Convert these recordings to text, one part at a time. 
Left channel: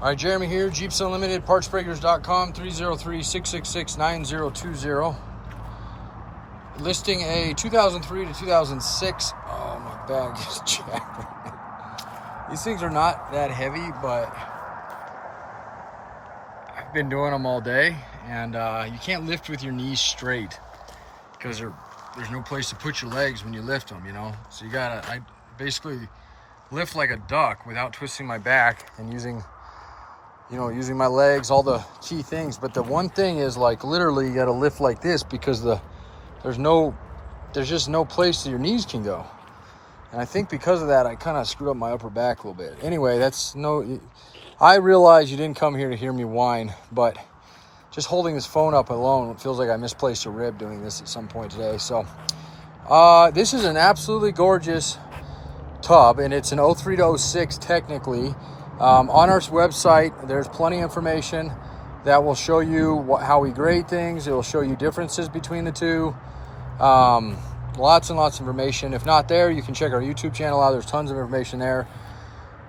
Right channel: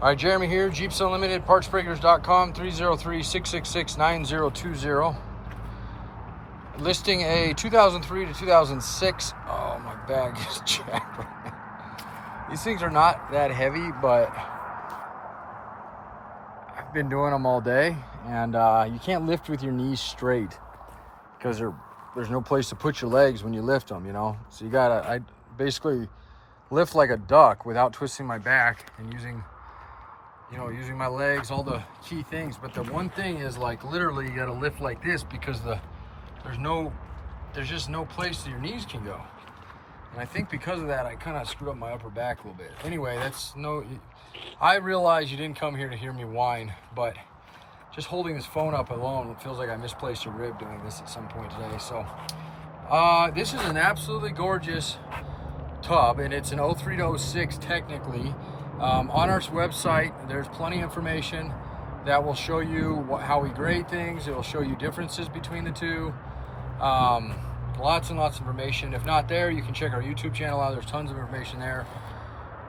All right, Jeremy here, Jeeps Unlimited, PartsBreakers.com, 303-666-9020. Listing a 2003 to 2006. Oh, my bag is jacked. These things are not that heavy, but I've been doing them all day, and you can't lift with your knees straight because there's no place to put your legs when you lift them, you know? So I basically lift like a duck without twisting my back and using my legs, all the key things. But the one thing is, like, literally you got to lift like this because there's just no place that your knees can go. And I think because of that, I kind of screwed up my upper back a little bit. Anyway, I realize you didn't come here to hear me whine, but just holding this phone up alone, it feels like I misplaced a rib doing this at some point today. So this is an absolutely gorgeous tub, and it's an 03 to 06 technically. On our website, there's plenty of information that will show you how we grade things. It will show you differences between the two. Lots and lots of information. If not there, you can check our YouTube channel out. There's tons of information there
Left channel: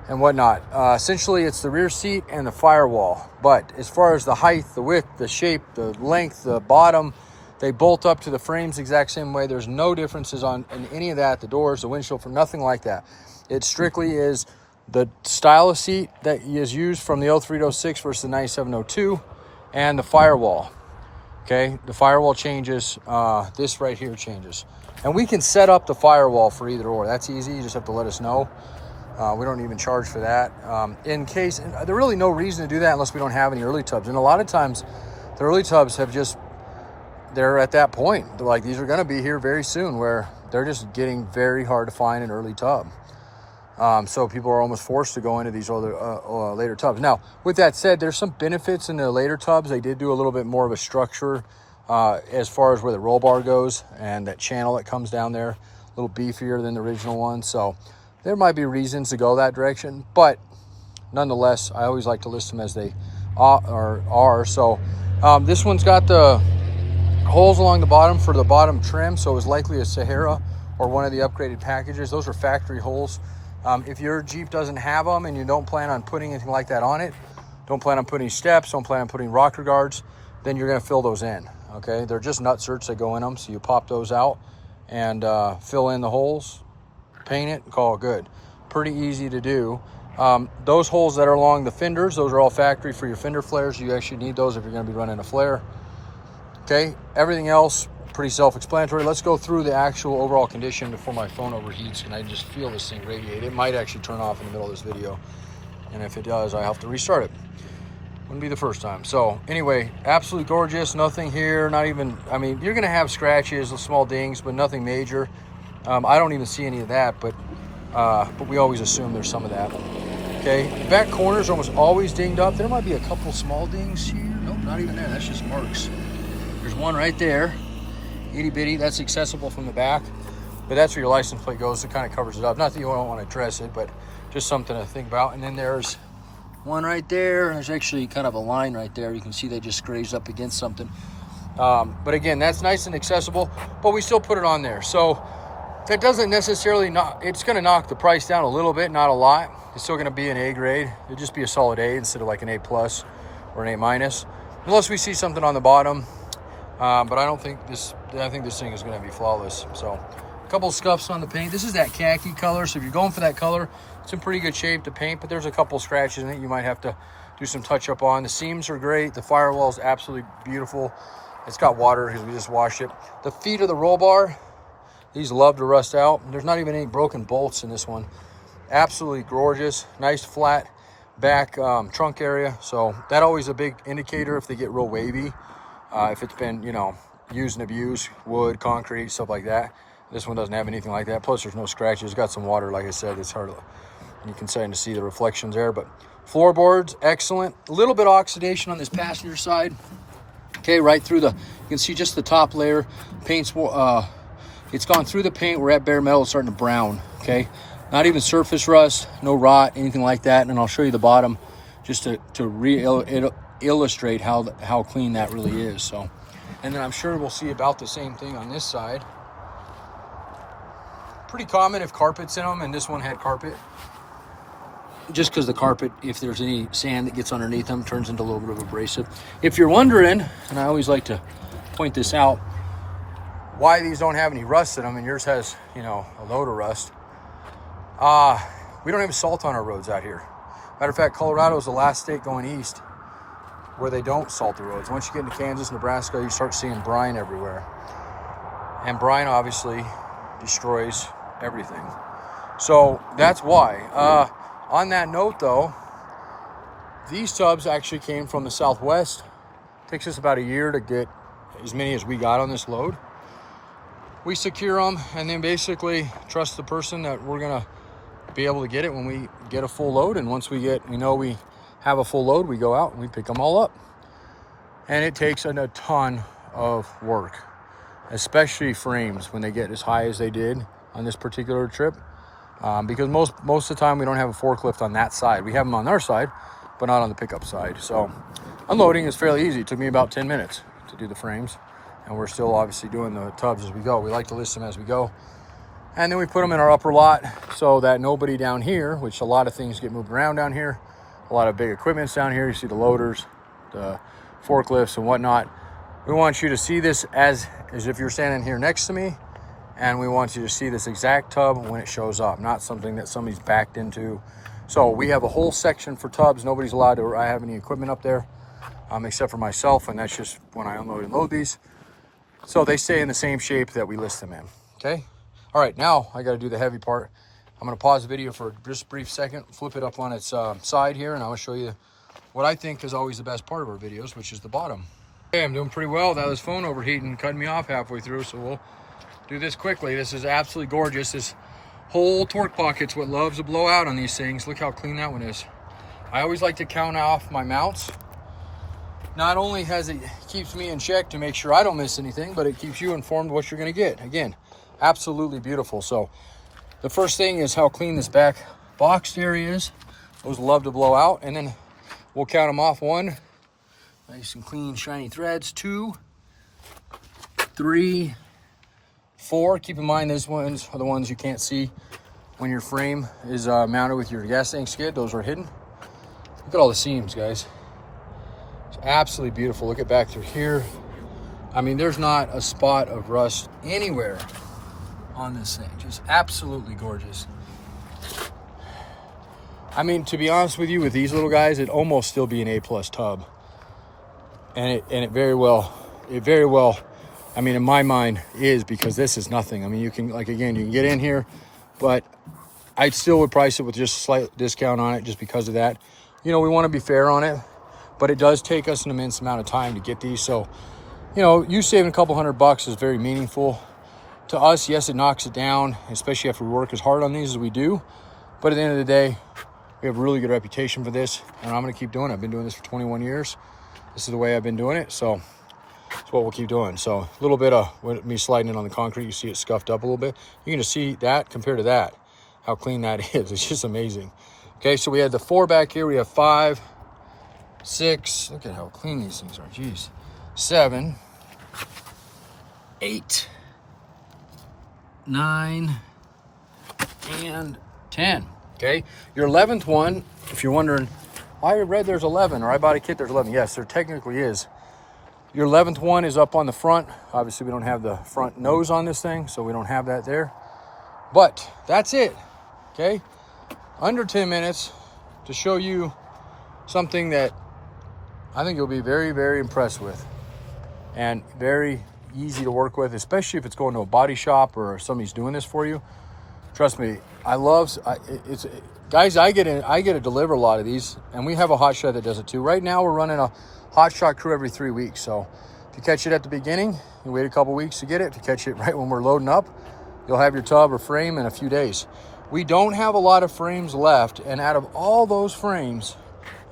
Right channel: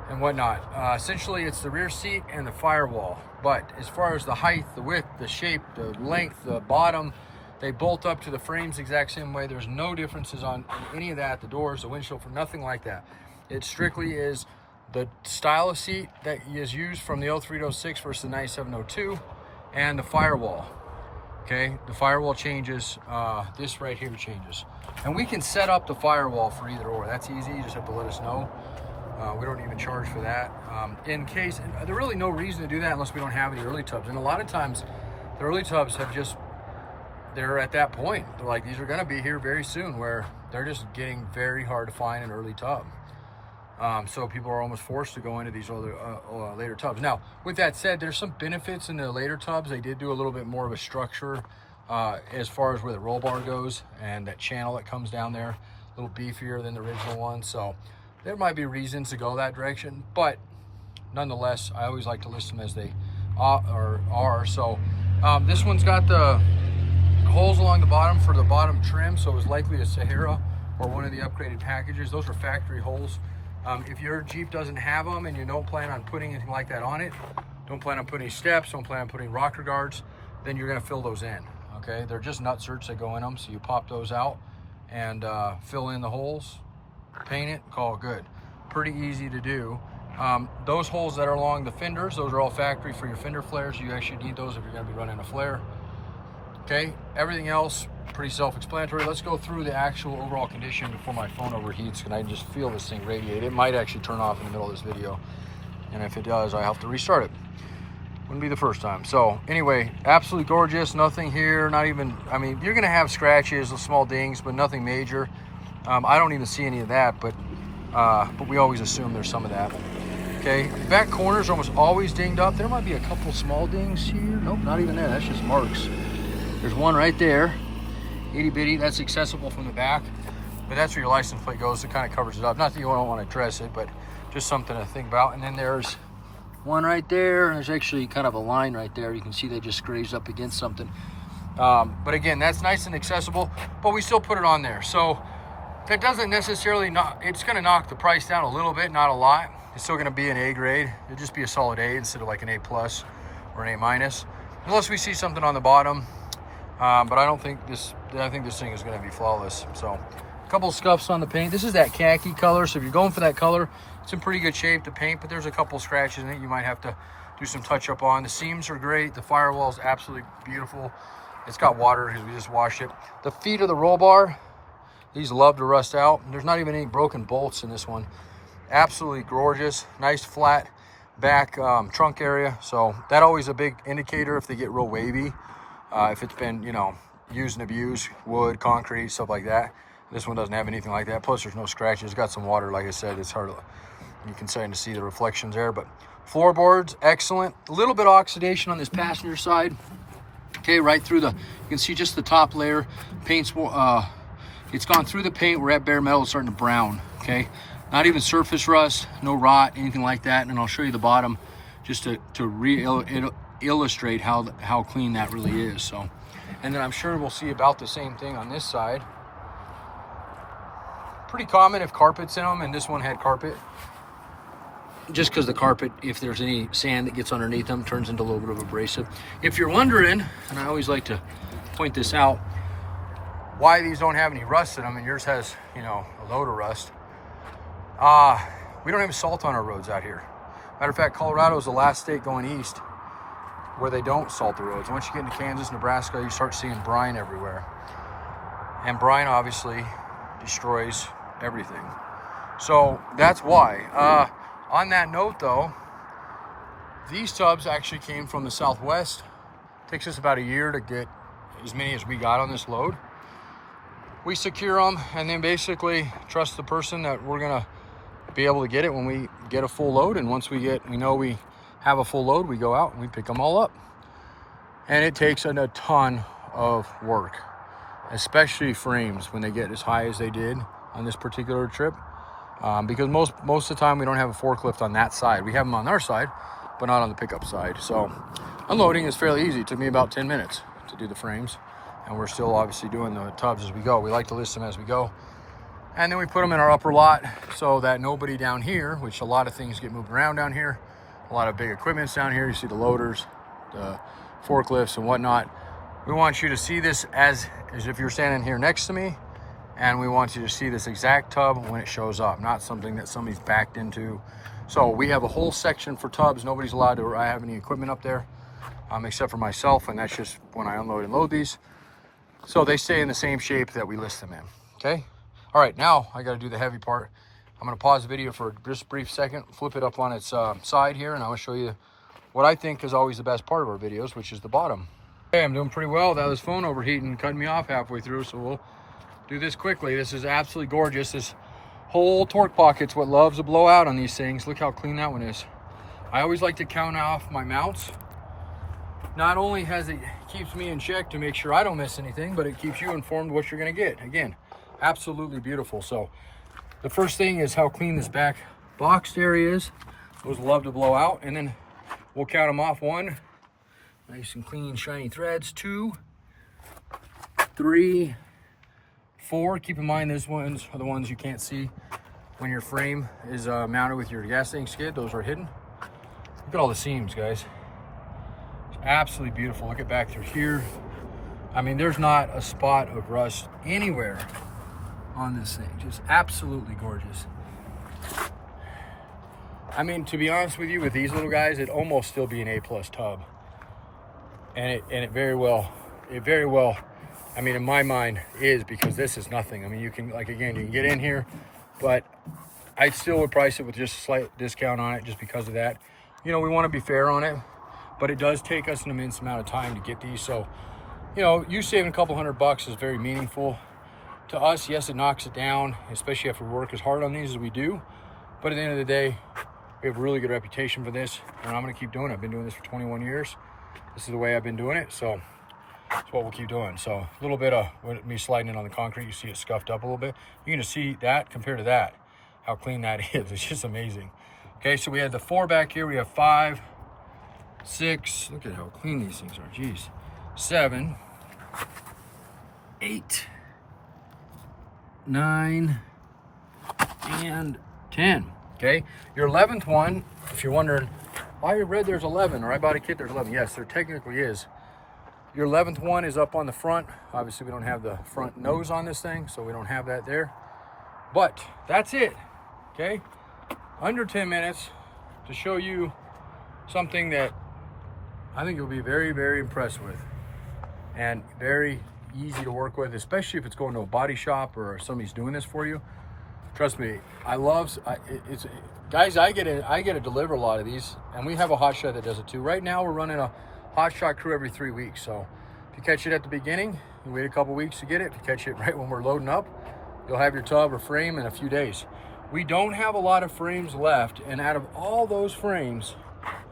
and whatnot. Essentially, it's the rear seat and the firewall. But as far as the height, the width, the shape, the length, the bottom, they bolt up to the frames the exact same way. There's no differences in any of that. The doors, the windshield, for nothing like that. It strictly is the style of seat that is used from the 03 to 06 versus the 9702, and the firewall. Okay, the firewall changes. This right here changes, and we can set up the firewall for either or. That's easy. You just have to let us know. We don't even charge for that. In case, and there's really no reason to do that unless we don't have any early tubs. And a lot of times, the early tubs they're at that point. Like, these are going to be here very soon, where they're just getting very hard to find an early tub. So people are almost forced to go into these other later tubs. Now, with that said, there's some benefits in the later tubs. They did do a little bit more of a structure as far as where the roll bar goes, and that channel that comes down there, a little beefier than the original one. So there might be reasons to go that direction, but nonetheless, I always like to list them as they are. So this one's got the holes along the bottom for the bottom trim, so it was likely a Sahara or one of the upgraded packages. Those are factory holes. If your Jeep doesn't have them and you don't plan on putting anything like that on it, don't plan on putting steps, don't plan on putting rocker guards, then you're going to fill those in. Okay, they're just nutserts that go in them, so you pop those out and fill in the holes, paint it, call it good. Pretty easy to do. Those holes that are along the fenders, those are all factory for your fender flares. You actually need those if you're going to be running a flare. Okay, everything else pretty self-explanatory. Let's go through the actual overall condition before my phone overheats and I just feel this thing radiate. It might actually turn off in the middle of this video, and if it does, I have to restart it. Wouldn't be the first time. So anyway, absolutely gorgeous. Nothing here, not even, I mean, you're gonna have scratches, small dings, but nothing major. I don't even see any of that, but we always assume there's some of that. Okay, back corners are almost always dinged up. There might be a couple small dings here. Nope, not even there. That's just marks. There's one right there. Itty bitty, that's accessible from the back, but that's where your license plate goes. It kind of covers it up. Not that you don't want to address it, but just something to think about. And then there's one right there, and there's actually kind of a line right there. You can see they just grazed up against something. But again, that's nice and accessible, but we still put it on there. So that doesn't necessarily it's going to knock the price down a little bit, not a lot. It's still going to be an A grade. It'll just be a solid A instead of like an A plus or an A minus, unless we see something on the bottom. But I think this thing is going to be flawless. So a couple scuffs on the paint. This is that khaki color, so if you're going for that color, it's in pretty good shape to paint, but there's a couple scratches in it you might have to do some touch up on. The seams are great. The firewall is absolutely beautiful. It's got water because we just washed it. The feet of the roll bar, these love to rust out. There's not even any broken bolts in this one. Absolutely gorgeous. Nice flat back trunk area. So that always a big indicator if they get real wavy. If it's been, used and abused, wood, concrete, stuff like that. This one doesn't have anything like that. Plus, there's no scratches. It's got some water, like I said. It's hard to, you can start to see the reflections there. But floorboards, excellent. A little bit of oxidation on this passenger side. Okay, right through you can see just the top layer. Paint's, it's gone through the paint. We're at bare metal. It's starting to brown, okay? Not even surface rust, no rot, anything like that. And I'll show you the bottom just to illustrate how clean that really is. So, and then I'm sure we'll see about the same thing on this side. Pretty common if carpet's in them, and this one had carpet. just because the carpet, if there's any sand that gets underneath them, turns into a little bit of abrasive. If you're wondering, and I always like to point this out, why these don't have any rust in them, and yours has, you know, a load of rust. We don't have salt on our roads out here. Matter of fact, Colorado is the last state going east where they don't salt the roads. Once you get into Kansas, Nebraska, you start seeing brine everywhere. And brine obviously destroys everything. So that's why. On that note though, these tubs actually came from the Southwest. It takes us about a year to get as many as we got on this load. We secure them and then basically trust the person that we're gonna be able to get it when we get a full load. And once we know we have a full load, we go out and we pick them all up. And it takes a ton of work, especially frames when they get as high as they did on this particular trip. Because most of the time we don't have a forklift on that side. We have them on our side, but not on the pickup side. So unloading is fairly easy. It took me about 10 minutes to do the frames. And we're still obviously doing the tubs as we go. We like to list them as we go. And then we put them in our upper lot so that nobody down here, which a lot of things get moved around down here, a lot of big equipment's down here. You see the loaders, the forklifts and whatnot. We want you to see this as if you're standing here next to me, and we want you to see this exact tub when it shows up, not something that somebody's backed into. So we have a whole section for tubs. Nobody's allowed to have any equipment up there, except for myself, and that's just when I unload and load these. So they stay in the same shape that we list them in, okay? All right, now I gotta do the heavy part. I'm gonna pause the video for just a brief second, flip it up on its side here, and I'm gonna show you what I think is always the best part of our videos, which is the bottom. Okay, I'm doing pretty well without this phone overheating, cutting me off halfway through, so we'll do this quickly. This is absolutely gorgeous. This whole torque pocket's what loves to blow out on these things. Look how clean that one is. I always like to count off my mounts. Not only keeps me in check to make sure I don't miss anything, but it keeps you informed what you're gonna get. Again, absolutely beautiful. So the first thing is how clean this back box area is. Those love to blow out, and then we'll count them off. 1, nice and clean, shiny threads. 2, 3, 4. Keep in mind, these ones are the ones you can't see when your frame is mounted with your gas tank skid. Those are hidden. Look at all the seams, guys. It's absolutely beautiful. Look at back through here. I mean, there's not a spot of rust anywhere on this thing. Just absolutely gorgeous. I mean, to be honest with you, with these little guys, it'd almost still be an A+ tub. And it very well, I mean, in my mind is, because this is nothing. I mean, you can, like, again, you can get in here, but I still would price it with just a slight discount on it just because of that. You know, we want to be fair on it, but it does take us an immense amount of time to get these. So, you know, you saving a couple $100 is very meaningful to us. Yes, it knocks it down, especially after we work as hard on these as we do. But at the end of the day, we have a really good reputation for this, and I'm going to keep doing it. I've been doing this for 21 years. This is the way I've been doing it, so that's what we'll keep doing. So a little bit of me sliding in on the concrete, you see it scuffed up a little bit. You can just see that compared to that, how clean that is. It's just amazing. Okay, so we had the 4 back here. We have 5, 6. Look at how clean these things are. Jeez. 7, 8, 9, and 10. Okay, your 11th one, if you're wondering, I read there's 11, or I bought a kit, there's 11. Yes, there technically is. Your 11th one is up on the front. Obviously, we don't have the front nose on this thing, so we don't have that there. But that's it, okay? Under 10 minutes to show you something that I think you'll be very, very impressed with, and very easy to work with, especially if it's going to a body shop or somebody's doing this for you. Trust me, guys, I get to deliver a lot of these, and we have a hot shot that does it too. Right now, we're running a hot shot crew every 3 weeks. So if you catch it at the beginning, you wait a couple weeks to get it. If you catch it right when we're loading up, you'll have your tub or frame in a few days. We don't have a lot of frames left, and out of all those frames,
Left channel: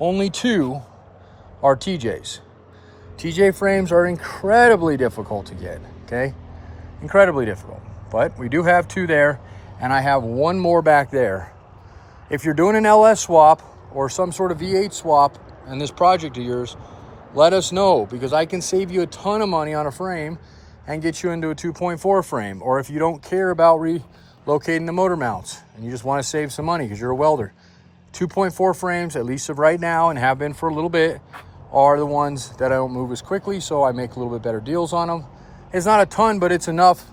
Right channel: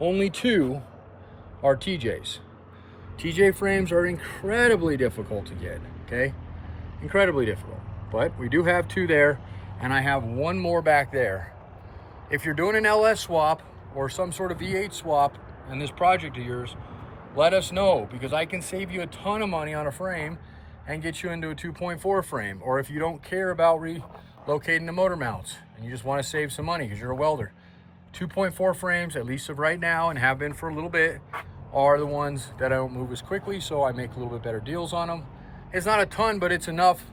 only 2 are TJs. TJ frames are incredibly difficult to get, okay? Incredibly difficult. But we do have 2 there, and I have 1 more back there. If you're doing an LS swap or some sort of V8 swap in this project of yours, let us know, because I can save you a ton of money on a frame and get you into a 2.4 frame. Or if you don't care about relocating the motor mounts and you just want to save some money because you're a welder, 2.4 frames, at least of right now, and have been for a little bit, are the ones that I don't move as quickly, so I make a little bit better deals on them. It's not a ton, but it's enough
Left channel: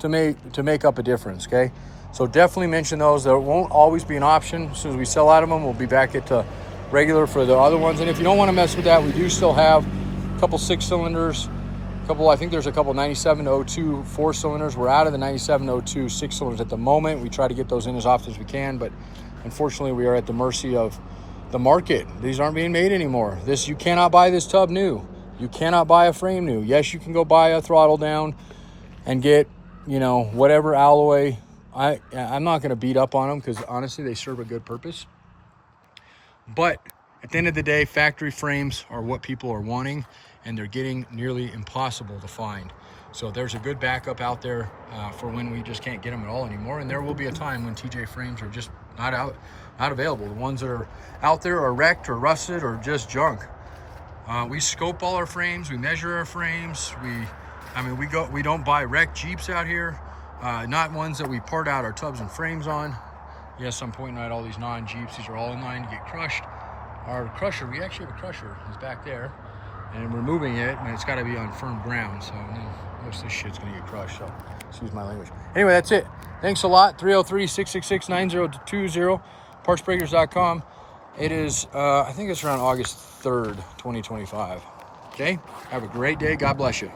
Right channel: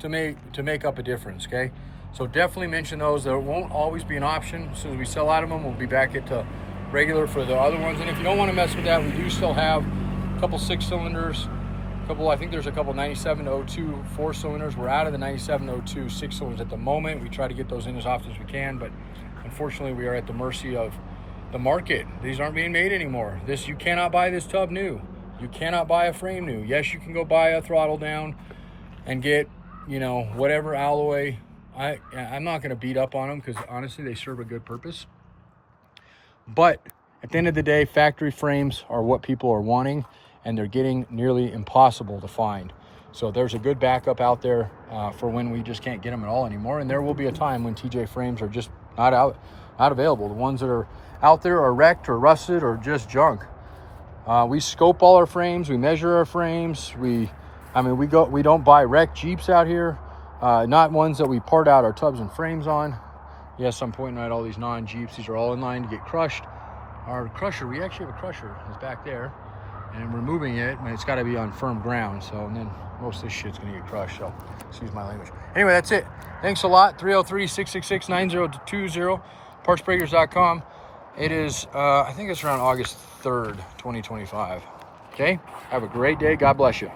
to make up a difference, okay? So definitely mention those. There won't always be an option. As soon as we sell out of them, we'll be back at regular for the other ones. And if you don't want to mess with that, we do still have a couple 6-cylinders, I think there's a couple 9702 4-cylinders. We're out of the 9702 6-cylinders at the moment. We try to get those in as often as we can, but unfortunately we are at the mercy of the market. These aren't being made anymore. You cannot buy this tub new. You cannot buy a frame new. Yes, you can go buy a throttle down and get, you know, whatever alloy. I'm not going to beat up on them because honestly they serve a good purpose. But at the end of the day, factory frames are what people are wanting, and they're getting nearly impossible to find. So there's a good backup out there for when we just can't get them at all anymore. And there will be a time when TJ frames are just not available. The ones that are out there are wrecked or rusted or just junk. We scope all our frames, we measure our frames. We don't buy wrecked Jeeps out here, not ones that we part out our tubs and frames on. Yes, I'm pointing out all these non-Jeeps. These are all in line to get crushed. Our crusher, we actually have a crusher, is back there, and we're moving it, and it's got to be on firm ground. So, and then most of this shit's gonna get crushed. So, excuse my language. Anyway, that's it. Thanks a lot. 303-666-9020. PartsBreakers.com. It is, I think it's around August 3rd, 2025. Okay. Have a great day. God bless you.